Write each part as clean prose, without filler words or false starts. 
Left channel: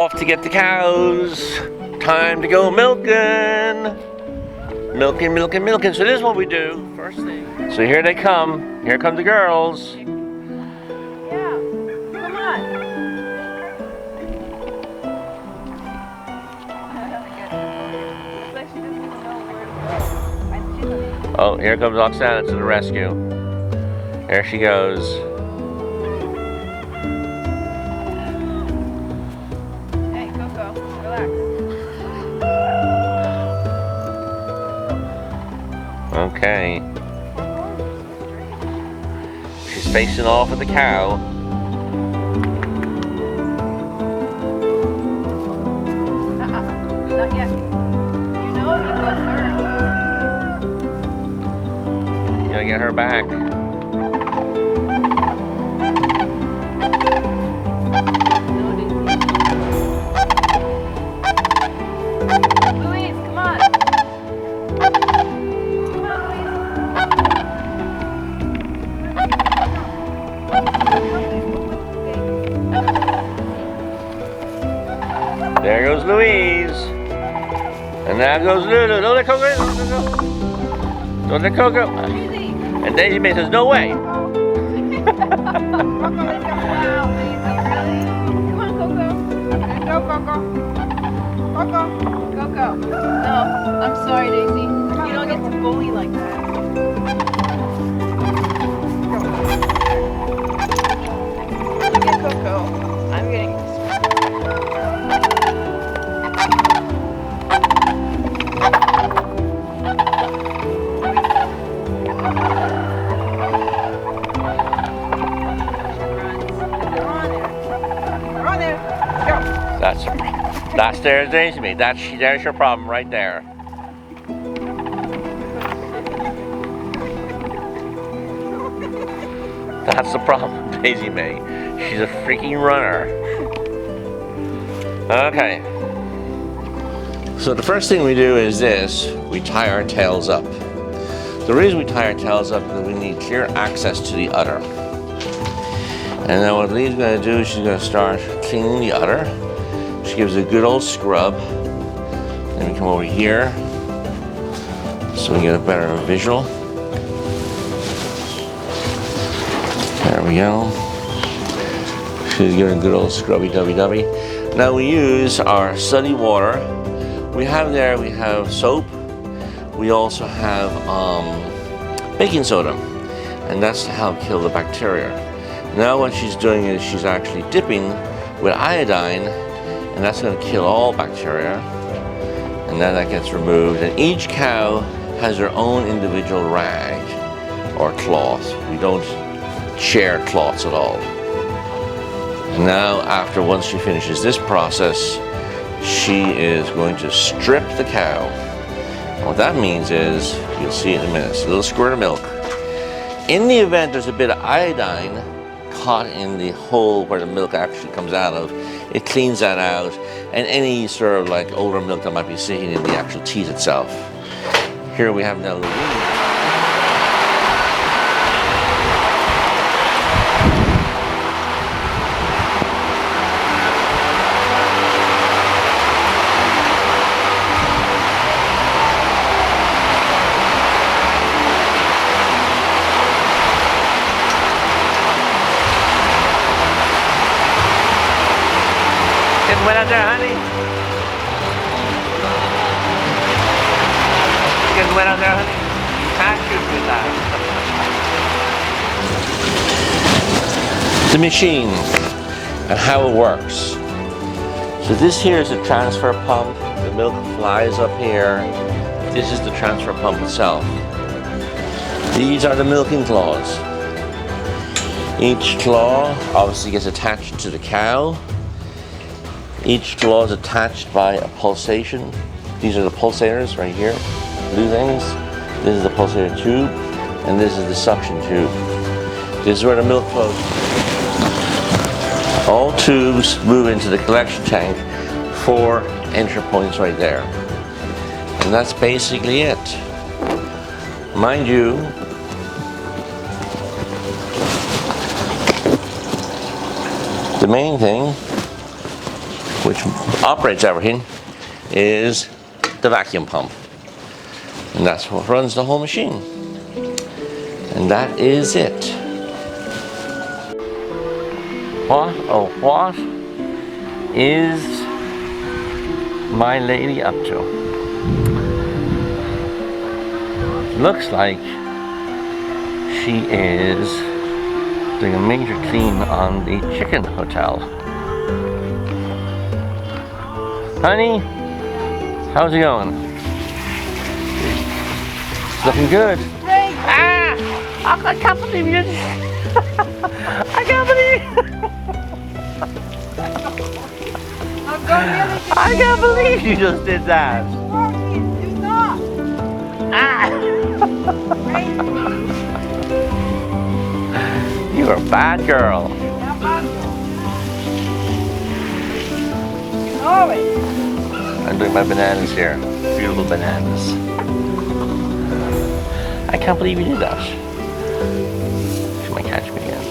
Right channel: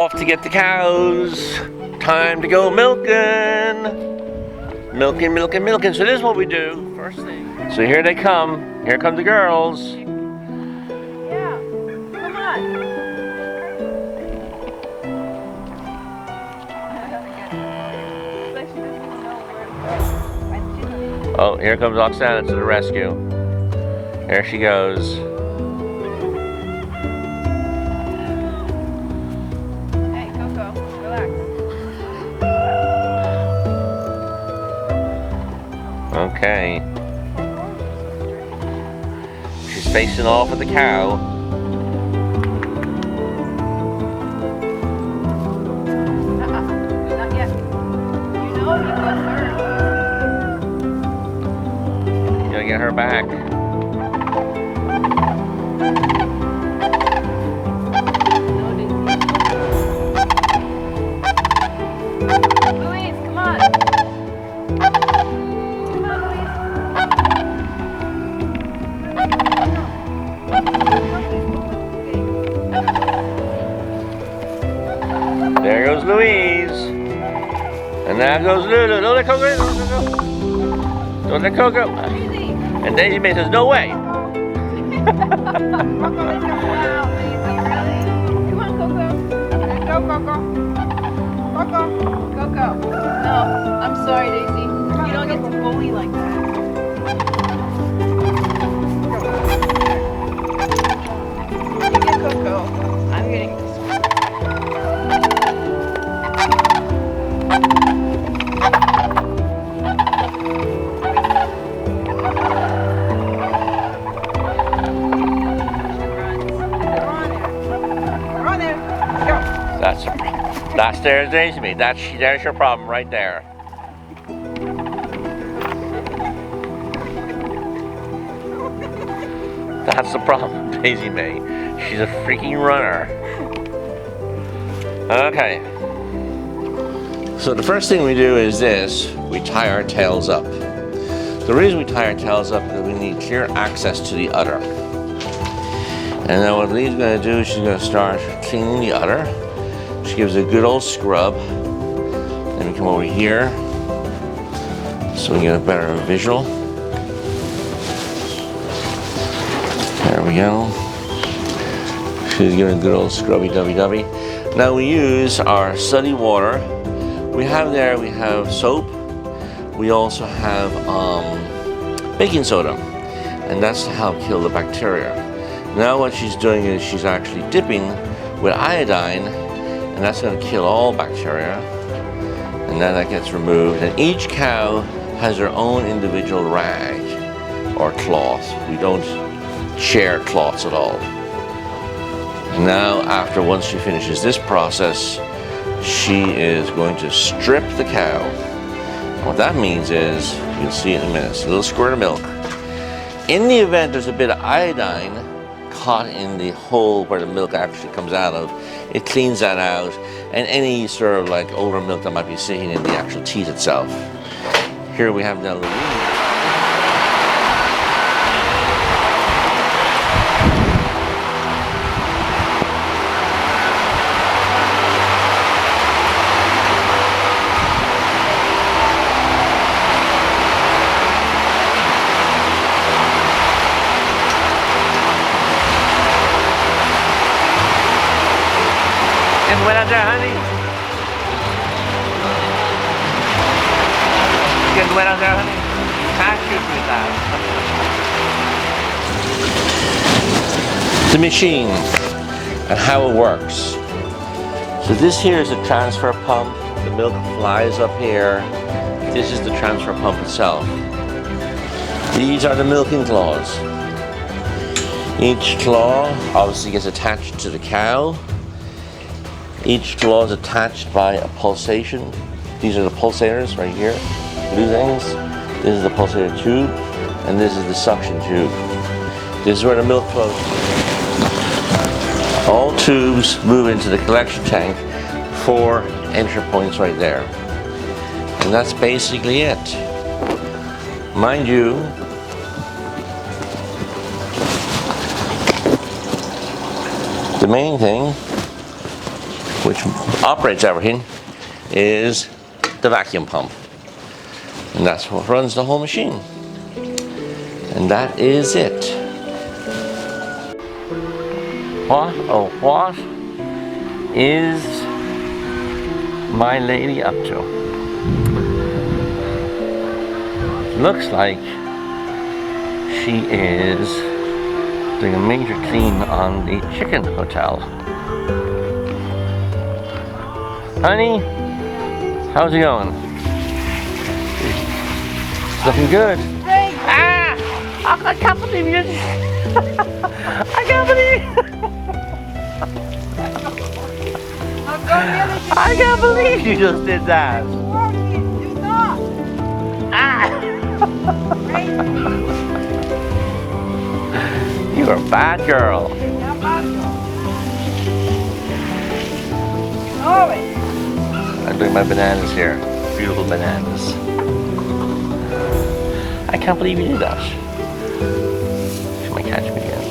Off to get the cows. Time to go milking. Milking, milking, milking. So this is what we do first thing. So here they come. Here come the girls. Yeah, come on. It's like she doesn't even know where to go. Oh, here comes Oksana to the rescue. There she goes. Hey, Coco, relax. Okay. She's facing off with the cow. Not yet. You know you go first. You gotta get her back. No, Daisy. Louise, come on. Come on, Louise. There goes Louise. And now goes Lulu. Don't let Coco. Don't let Coco. Daisy. And Daisy May says, no way. Coco, let's go. Wow, Daisy, really? Come on, Coco. Go, Coco. Coco. No, I'm sorry, Daisy. You don't get to bully like that. You get Coco. I'm getting this. There's Daisy May. There's your problem right there. That's the problem, Daisy May. She's a freaking runner. Okay. So the first thing we do is this. We tie our tails up. The reason we tie our tails up is that we need clear access to the udder. And then what Lee's going to do is she's going to start cleaning the udder. She gives it a good old scrub. Then we come over here so we get a better visual. There we go. She's giving a good old scrubby dubby dubby. Now we use our sooty water. We have soap. We also have baking soda. And that's to help kill the bacteria. Now what she's doing is she's actually dipping with iodine, and that's going to kill all bacteria. And then that gets removed. And each cow has their own individual rag or cloth. We don't share cloths at all. Now, once she finishes this process, she is going to strip the cow. And what that means is, you'll see in a minute, it's a little squirt of milk. In the event there's a bit of iodine caught in the hole where the milk actually comes out of, it cleans that out, and any sort of like older milk that might be sitting in the actual teat itself. Here we have now Louise. Getting wet out there, honey? Getting wet out there, honey? You can't shoot with that. The machine and how it works. So this here is a transfer pump. The milk flies up here. This is the transfer pump itself. These are the milking claws. Each claw obviously gets attached to the cow. Each claw is attached by a pulsation. These are the pulsators right here, blue things. This is the pulsator tube, and this is the suction tube. This is where the milk flows. All tubes move into the collection tank, 4 entry points right there. And that's basically it. Mind you, the main thing which operates everything, is the vacuum pump. And that's what runs the whole machine. And that is it. What, oh, what is my lady up to? Looks like she is doing a major clean on the chicken hotel. Honey, how's it going? It's looking good. Ah! I can't believe you. I can't believe. I can't believe you just did that. Ah! You're a bad girl. I'm doing my bananas here. Beautiful bananas. I can't believe you did that. She might catch me again.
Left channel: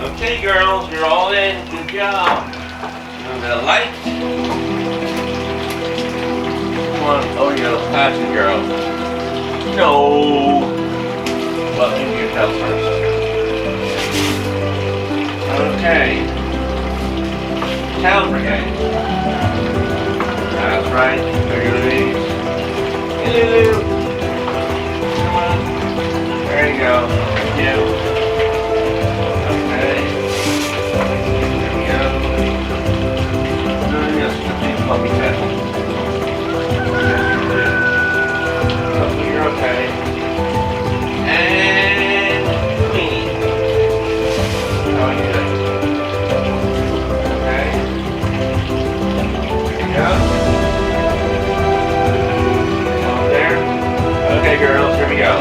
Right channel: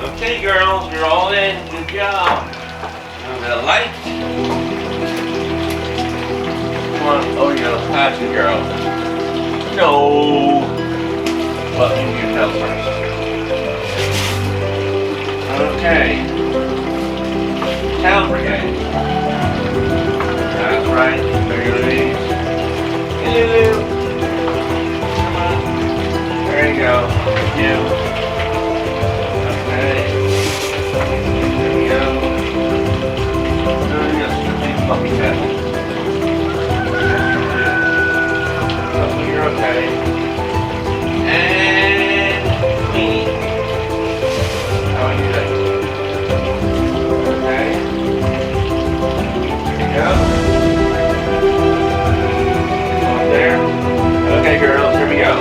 Okay, girls, you're all in. Good job. A little bit of light. Come on. Oh, you go. That's good, girl. No. Well, into your tail first. Okay. Tail brigade. That's right. There you go. Hello. Come on. There you go. Thank you. Okay. There we go. Yes, the big puppy tail. Yes, you do. Hopefully you're okay. And me. How are you doing? Okay. There you go. Come on there. Okay, girls, here we go.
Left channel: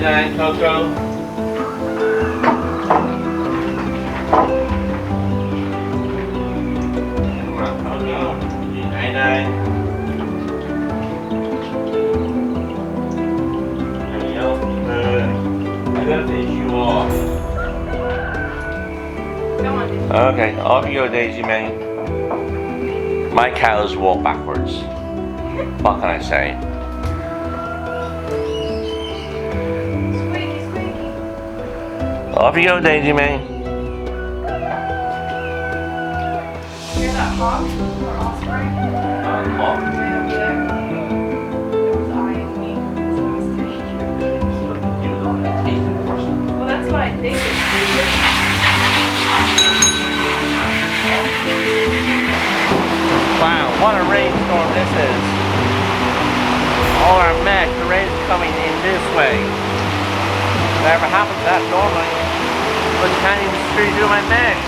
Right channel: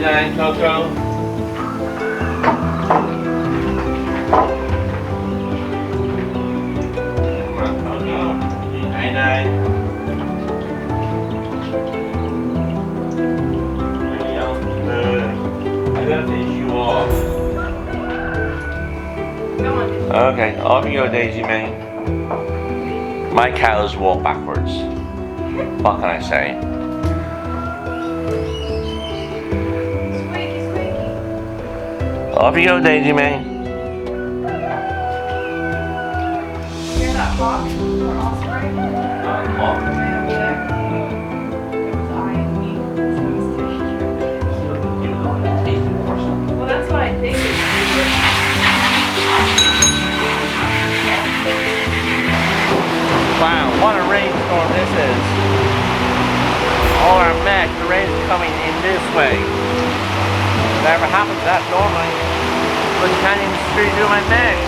Night-night, Coco. Come on, Coco. Night-night. There you go. Good. I gotta finish you off. Come on, Daisy. Okay, off you go, Daisy Mae. My cows walk backwards. What can I say? Squeaky, squeaky. Off you go, Daisy Mae. Hear that hawk or osprey? Way over there. It was eyeing me. So I was taking care. Well, that's what I think it's doing. Wow, what a rainstorm this is. All our mesh, the rain's coming in this way. Never happens that normally. But can't even do my mesh.